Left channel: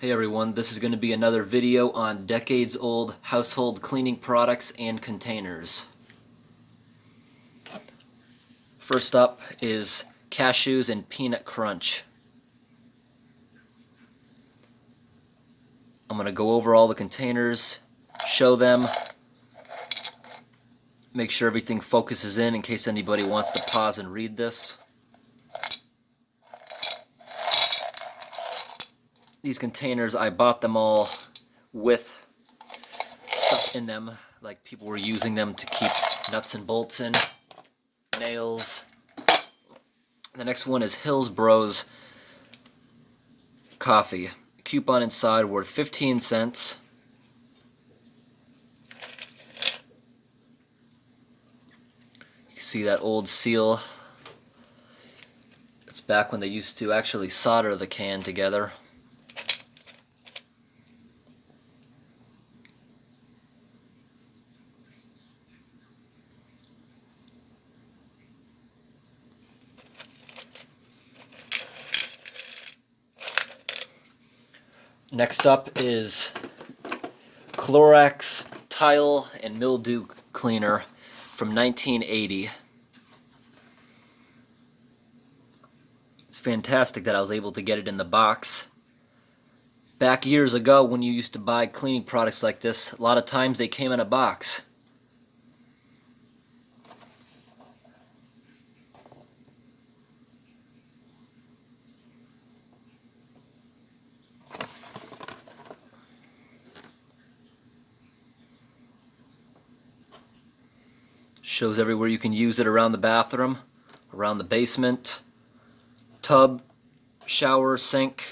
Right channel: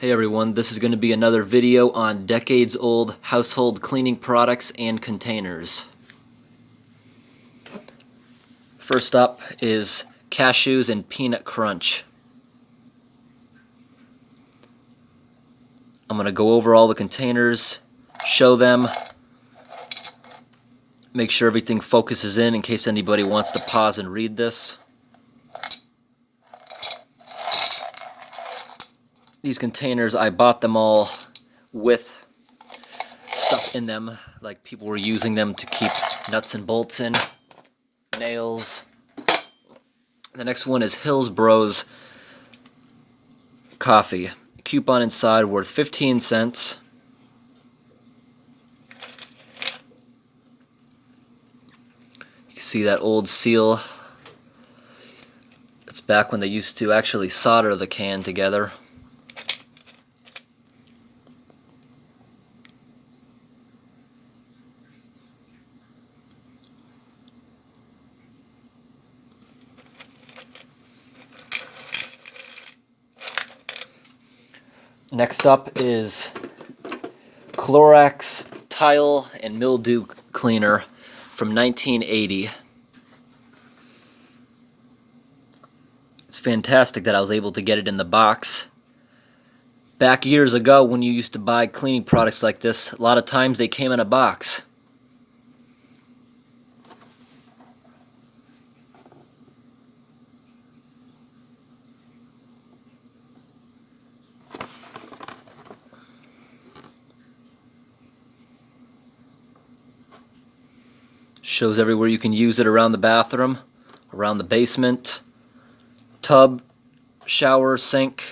Hey everyone, this is going to be another video on decades-old household cleaning products and containers. First up is Cashews and Peanut Crunch. I'm going to go over all the containers, show them, make sure everything focuses in case anybody wants to pause and read this. These containers, I bought them all with stuff in them, like people were using them to keep nuts and bolts in, nails. The next one is Hillsboro's coffee. Coupon inside worth 15 cents. You can see that old seal. It's back when they used to actually solder the can together. Next up is Clorox Tile and Mildew Cleaner from 1980. It's fantastic that I was able to get it in the box. Back years ago when you used to buy cleaning products like this, a lot of times they came in a box. Shows everywhere you can use it around the bathroom, around the basement, tub, shower, sink.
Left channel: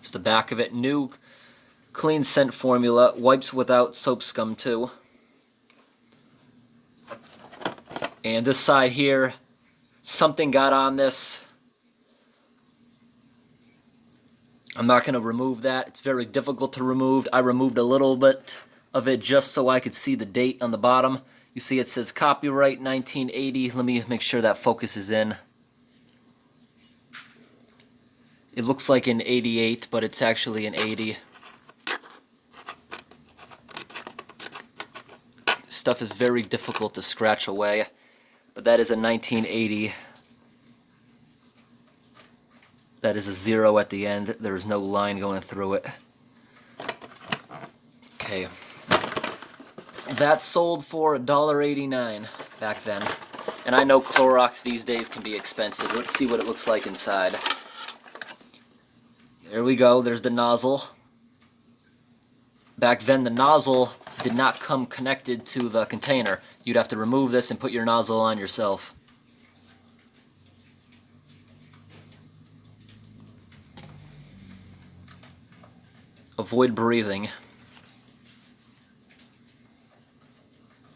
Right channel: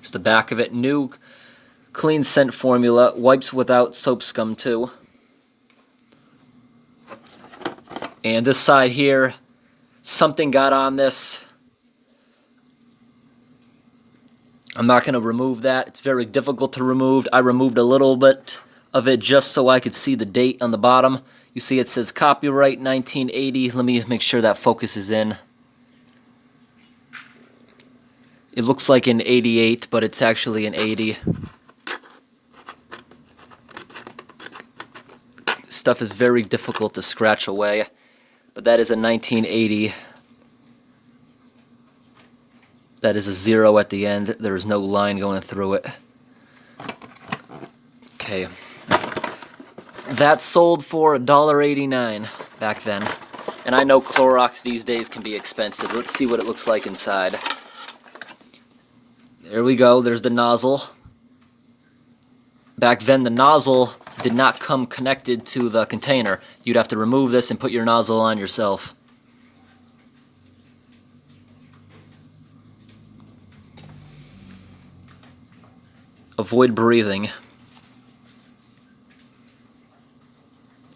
Just the back of it. New clean scent formula, wipes without soap scum too. And this side here, something got on this. I'm not going to remove that. It's very difficult to remove. I removed a little bit of it just so I could see the date on the bottom. You see it says copyright 1980. Let me make sure that focuses in. It looks like an 88, but it's actually an 80. Stuff is very difficult to scratch away, but that is a 1980. That is a 0 at the end. There is no line going through it. Okay. That sold for $1.89 back then. And I know Clorox these days can be expensive. Let's see what it looks like inside. There we go. There's the nozzle. Back then the nozzle did not come connected to the container. You'd have to remove this and put your nozzle on yourself. Avoid breathing.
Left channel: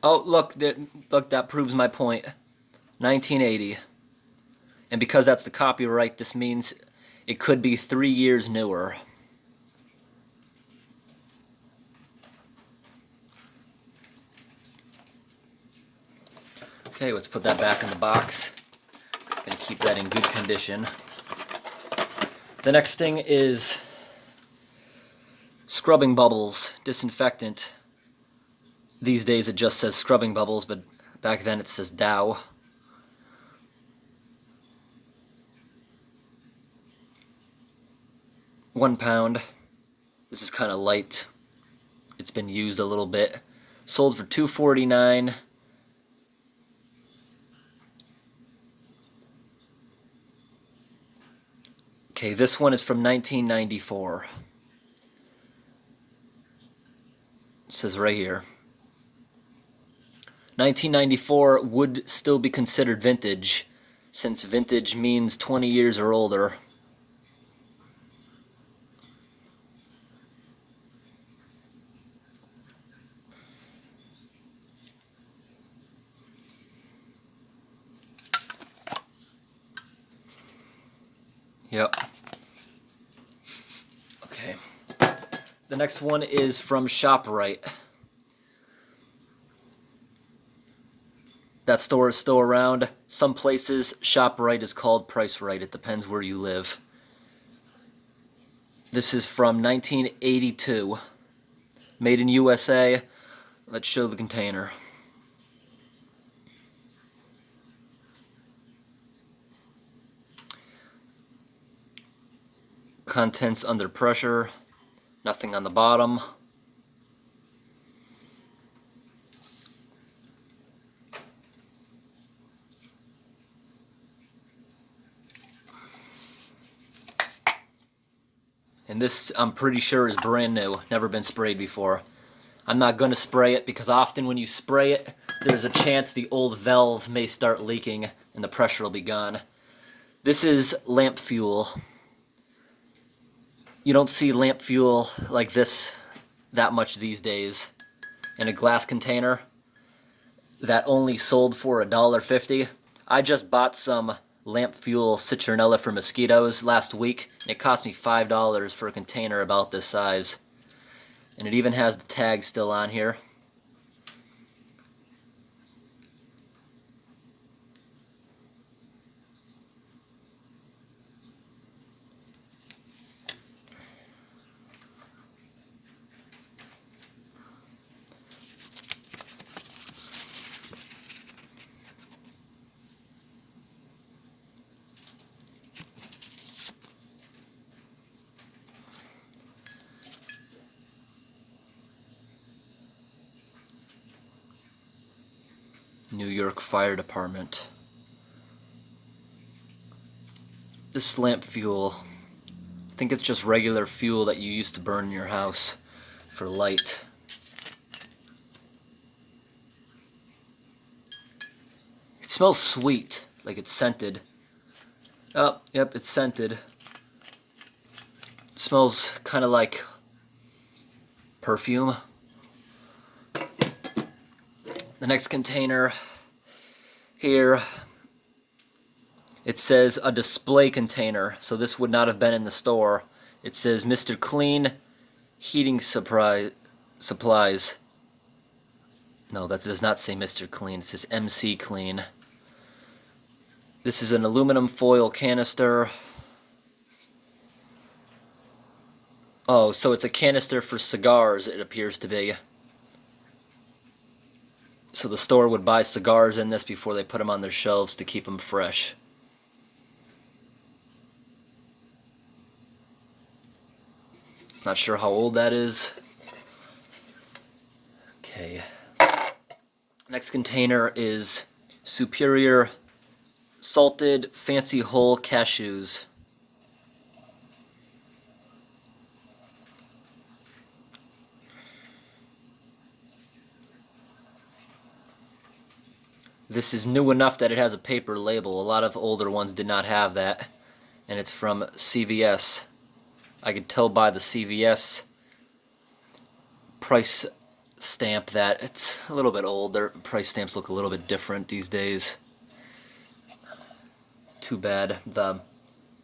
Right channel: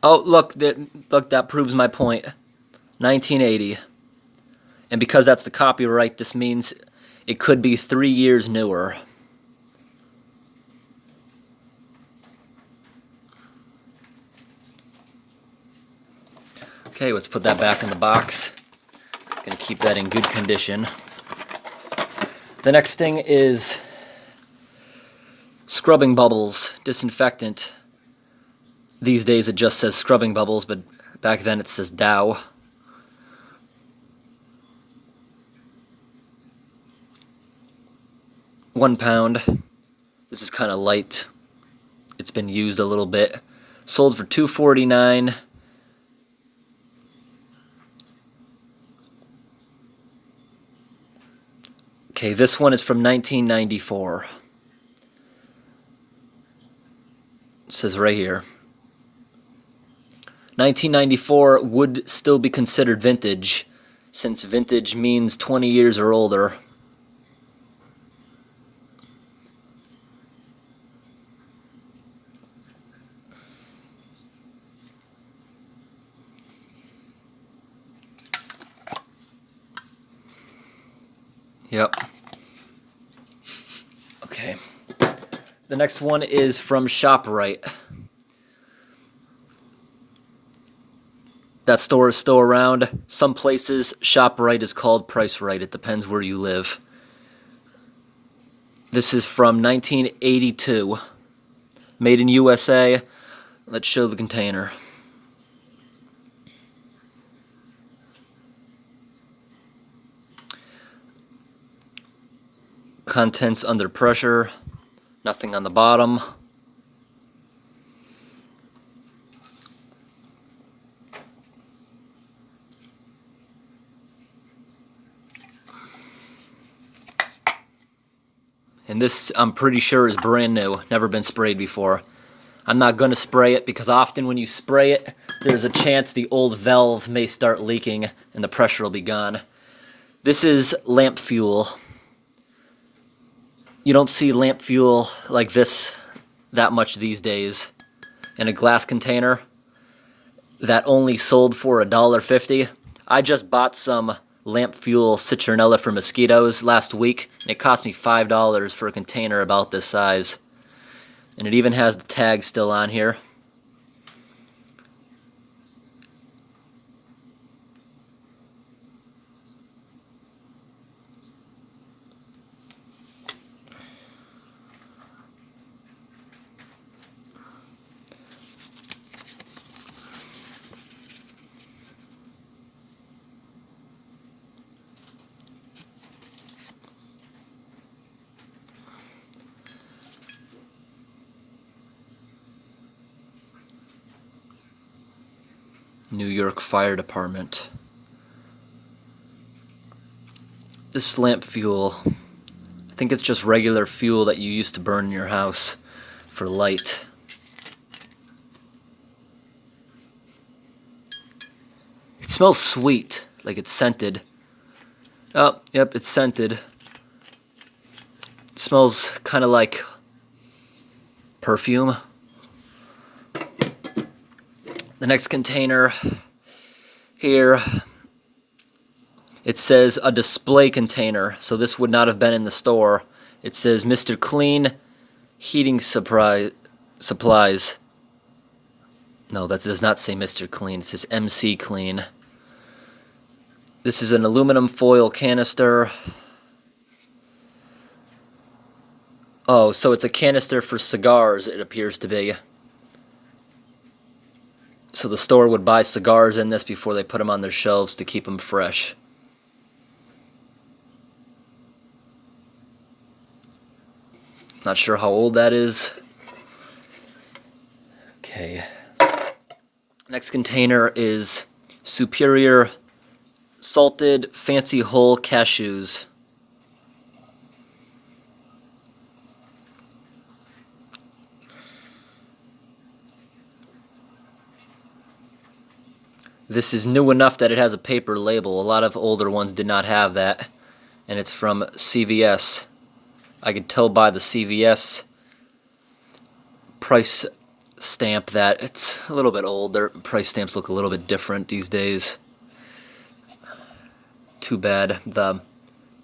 Oh, look, that proves my point. 1980. And because that's the copyright, this means it could be 3 years newer. Okay, let's put that back in the box. Gonna keep that in good condition. The next thing is scrubbing bubbles, disinfectant. These days it just says scrubbing bubbles, but back then it says Dow. £1. This is kind of light. It's been used a little bit. Sold for $2.49. Okay, this one is from 1994. It says right here. 1994 would still be considered vintage, since vintage means 20 years or older. Yep. Okay. The next one is from ShopRite. That store is still around. Some places, ShopRite is called Price Right. It depends where you live. This is from 1982. Made in USA. Let's show the container. Contents under pressure. Nothing on the bottom. And this, I'm pretty sure, is brand new. Never been sprayed before. I'm not going to spray it because often when you spray it, there's a chance the old valve may start leaking and the pressure will be gone. This is lamp fuel. You don't see lamp fuel like this that much these days in a glass container that only sold for $1.50. I just bought some lamp fuel citronella for mosquitoes last week, and it cost me $5 for a container about this size. And it even has the tag still on here. New York Fire Department. This lamp fuel, I think it's just regular fuel that you used to burn in your house for light. It smells sweet, like it's scented. Oh, yep, it's scented. It smells kind of like perfume. The next container here, it says a display container, so this would not have been in the store. It says Mr. Clean Heating Supplies. No, that does not say Mr. Clean, it says MC Clean. This is an aluminum foil canister. Oh, so it's a canister for cigars, it appears to be. So the store would buy cigars in this before they put them on their shelves to keep them fresh. Not sure how old that is. Okay. Next container is Superior Salted Fancy Whole Cashews. This is new enough that it has a paper label. A lot of older ones did not have that. And it's from CVS. I could tell by the CVS price stamp that it's a little bit old. Their price stamps look a little bit different these days. Too bad. The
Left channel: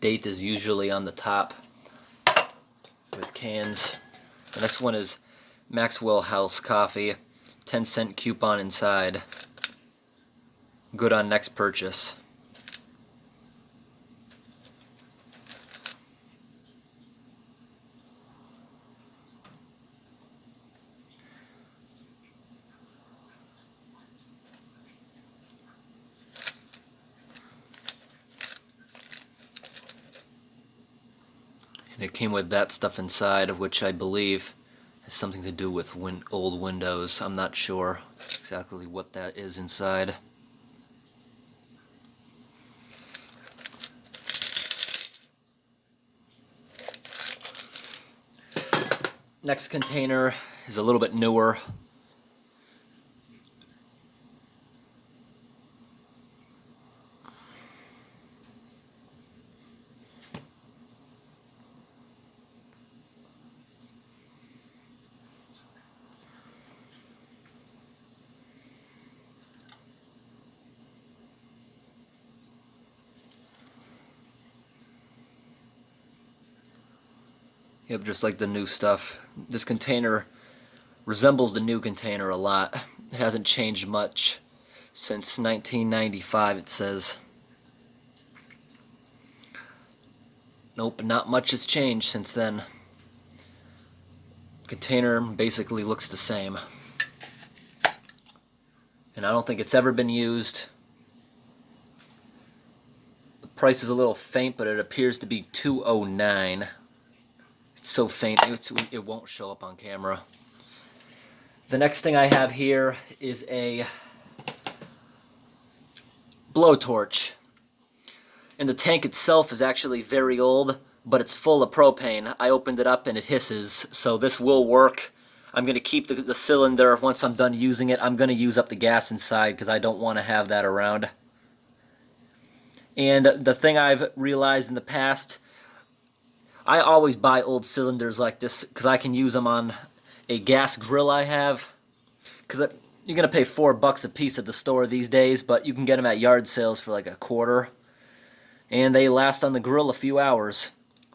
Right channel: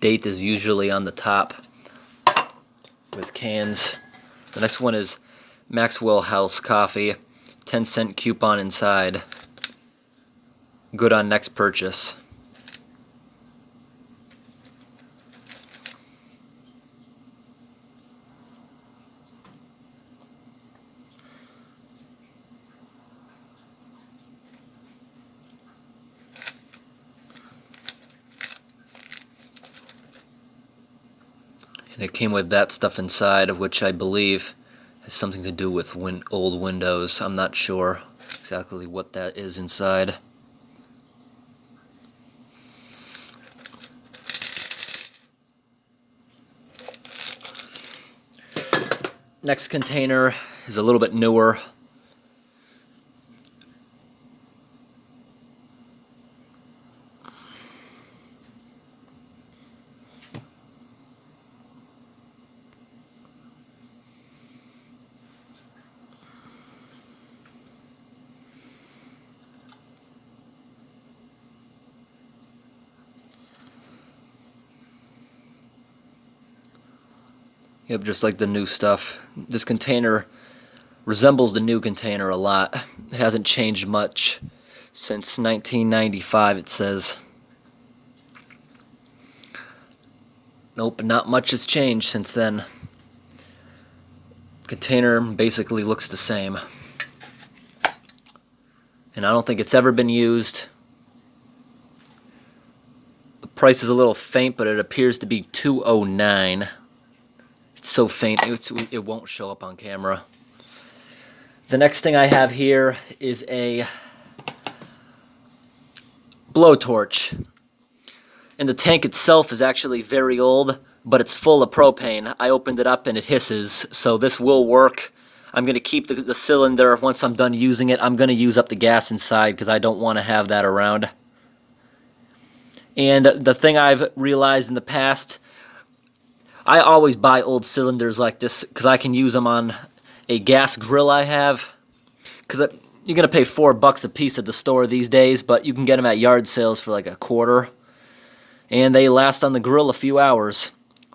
date is usually on the top with cans. The next one is Maxwell House Coffee. 10-cent coupon inside. Good on next purchase. And it came with that stuff inside, which I believe has something to do with old windows. I'm not sure exactly what that is inside. Next container is a little bit newer. Yep, just like the new stuff. This container resembles the new container a lot. It hasn't changed much since 1995, it says. Nope, not much has changed since then. Container basically looks the same. And I don't think it's ever been used. The price is a little faint, but it appears to be $2.09. It's so faint, it won't show up on camera. The next thing I have here is a blowtorch. And the tank itself is actually very old, but it's full of propane. I opened it up and it hisses, so this will work. I'm going to keep the cylinder. Once I'm done using it, I'm going to use up the gas inside because I don't want to have that around. And the thing I've realized in the past, I always buy old cylinders like this because I can use them on a gas grill I have. Because you're going to pay $4 a piece at the store these days, but you can get them at yard sales for like $0.25. And they last on the grill a few hours.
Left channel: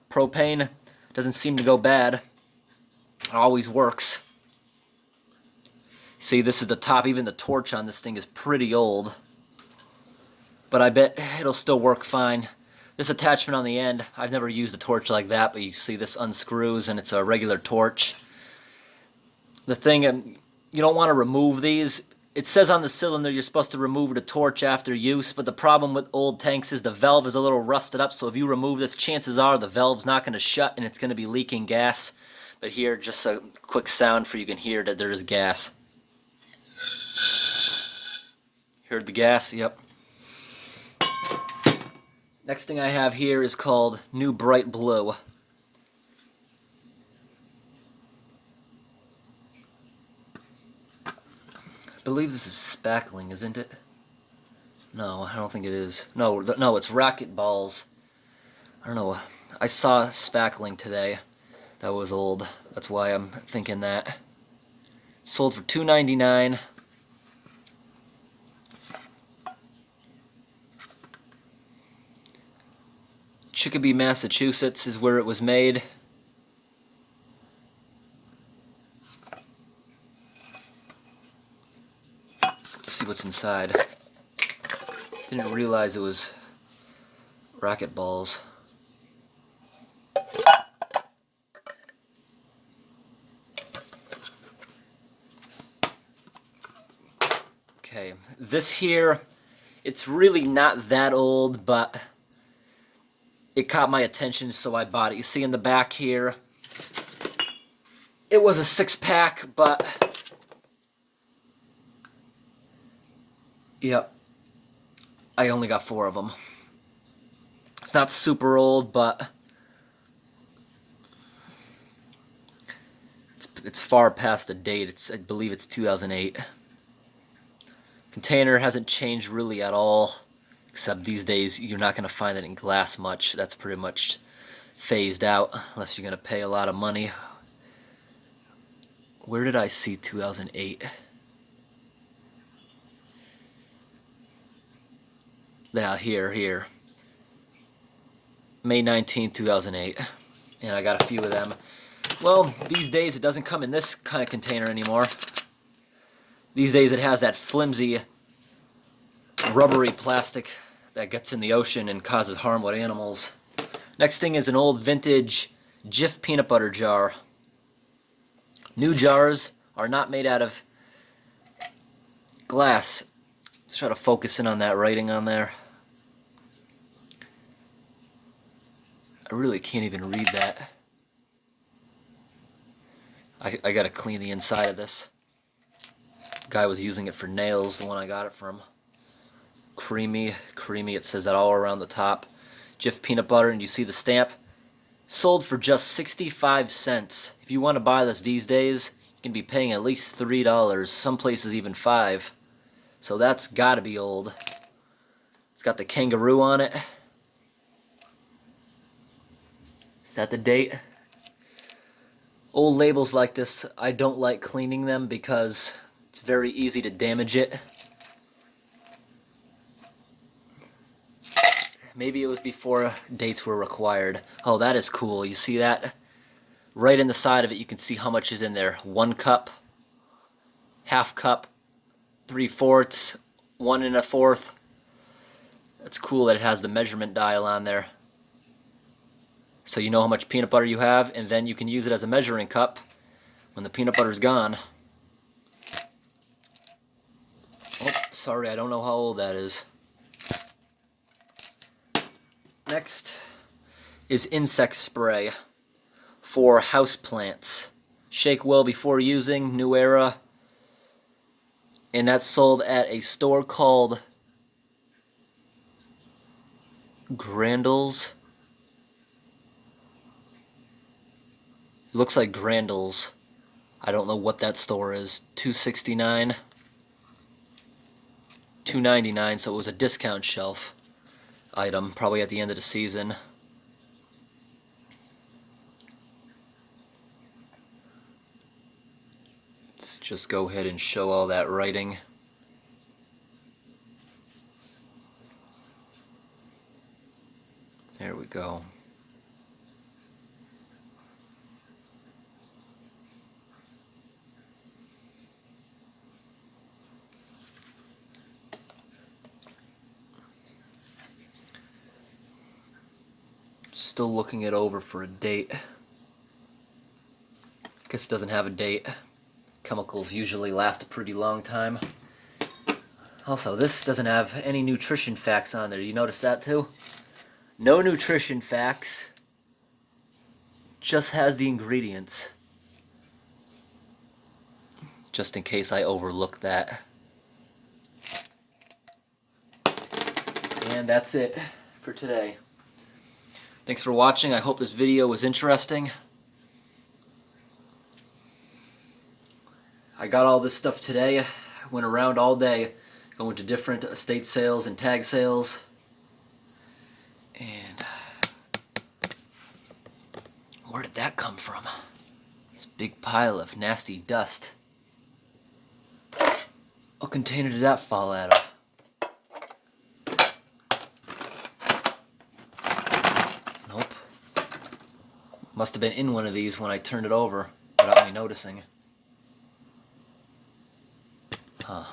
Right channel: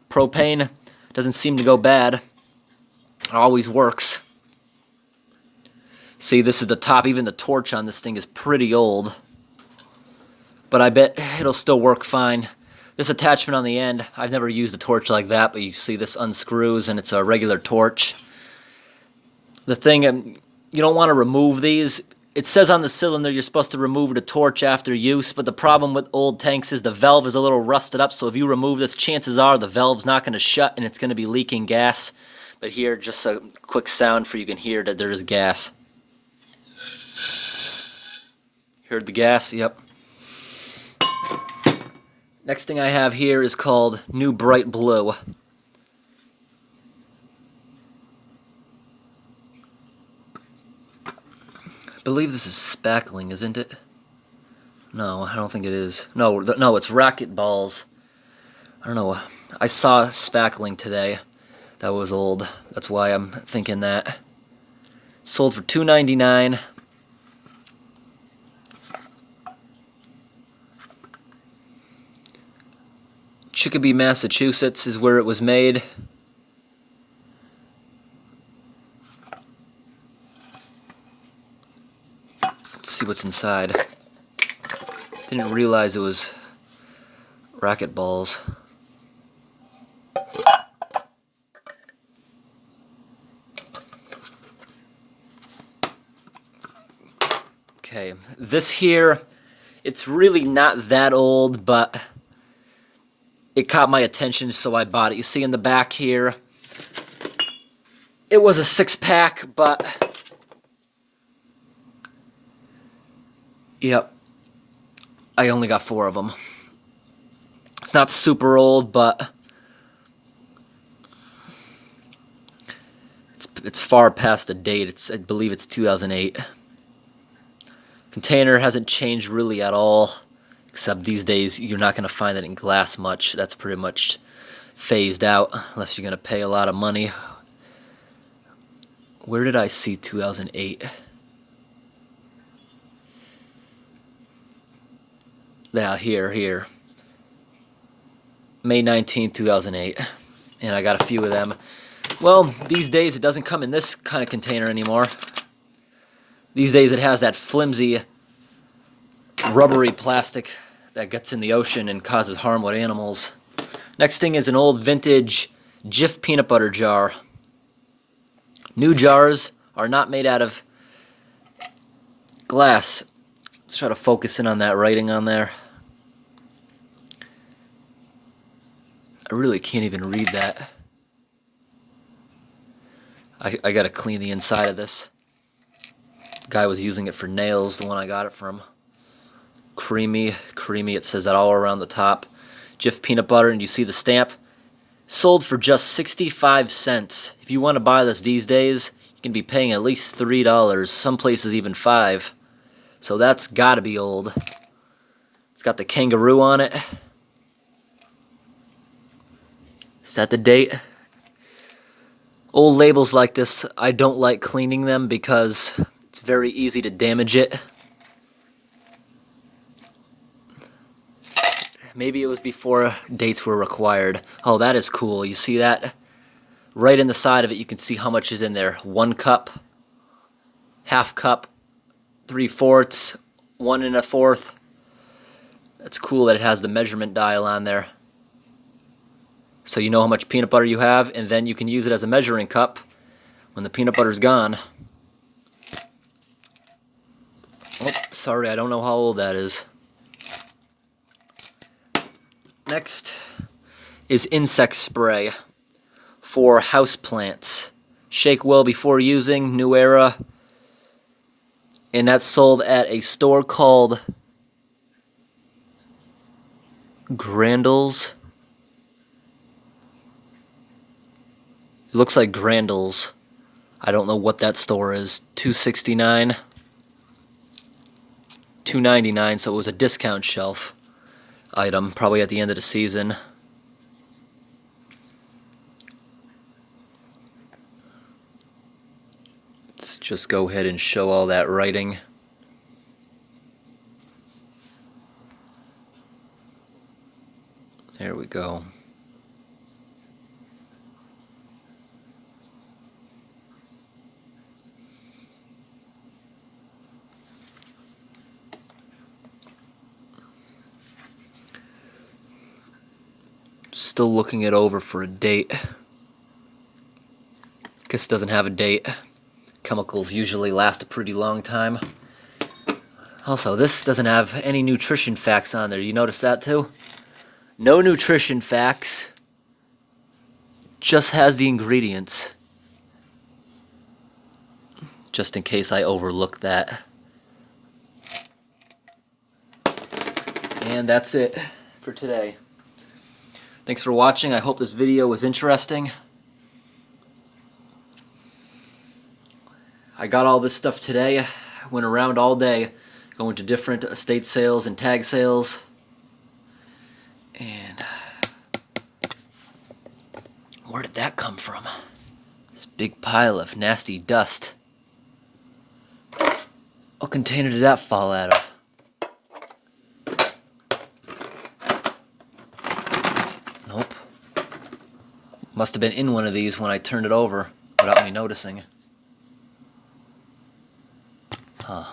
Propane doesn't seem to go bad. It always works. See, this is the top. Even the torch on this thing is pretty old. But I bet it'll still work fine. This attachment on the end, I've never used a torch like that, but you see this unscrews and it's a regular torch. The thing, you don't want to remove these. It says on the cylinder you're supposed to remove the torch after use, but the problem with old tanks is the valve is a little rusted up, so if you remove this, chances are the valve's not going to shut and it's going to be leaking gas. But here, just a quick sound for you can hear that there is gas. Heard the gas? Yep. Next thing I have here is called New Bright Blue. I believe this is spackling, isn't it? No, I don't think it is. No, it's racket balls. I don't know. I saw spackling today. That was old. That's why I'm thinking that. Sold for $2.99. Chicopee, Massachusetts is where it was made. Let's see what's inside. Didn't realize it was racket balls. Okay, this here, it's really not that old, but it caught my attention, so I bought it. You see in the back here, it was a 6-pack, but yep, I only got 4 of them. It's not super old, but it's far past the date. I believe it's 2008. Container hasn't changed really at all, except these days you're not going to find it in glass much. That's pretty much phased out unless you're going to pay a lot of money. Where did I see 2008? Yeah, here. May 19th, 2008. And I got a few of them. Well, these days it doesn't come in this kind of container anymore. These days it has that flimsy, rubbery plastic that gets in the ocean and causes harm with animals. Next thing is an old vintage Jif Peanut Butter Jar. New jars are not made out of glass. Let's try to focus in on that writing on there. I really can't even read that. I gotta clean the inside of this. Guy was using it for nails, the one I got it from. Creamy, it says that all around the top. Jif Peanut Butter, and you see the stamp. Sold for just 65 cents. If you want to buy this these days, you can be paying at least $3, some places even $5. So that's gotta be old. It's got the kangaroo on it. Is that the date? Old labels like this, I don't like cleaning them because it's very easy to damage it. Maybe it was before dates were required. Oh, that is cool. You see that? Right in the side of it, you can see how much is in there. 1 cup, half cup, 3/4, 1 1/4. That's cool that it has the measurement dial on there. So you know how much peanut butter you have, and then you can use it as a measuring cup. when the peanut butter's gone. Oh, sorry, I don't know how old that is. Next is insect spray for houseplants. Shake well before using, new era. And that's sold at a store called Grandels. It looks like Grandels. I don't know what that store is. $2.69, $2.99, so it was a discount shelf item, probably at the end of the season. Let's just go ahead and show all that writing. There we go. Still looking it over for a date. Guess it doesn't have a date. Chemicals usually last a pretty long time. Also, this doesn't have any nutrition facts on there. You notice that too? No nutrition facts. Just has the ingredients. Just in case I overlook that. And that's it for today. Thanks for watching. I hope this video was interesting. I got all this stuff today. Went around all day going to different estate sales and tag sales. And where did that come from? This big pile of nasty dust. What container did that fall out of? Nope. Must have been in one of these when I turned it over without me noticing. Huh.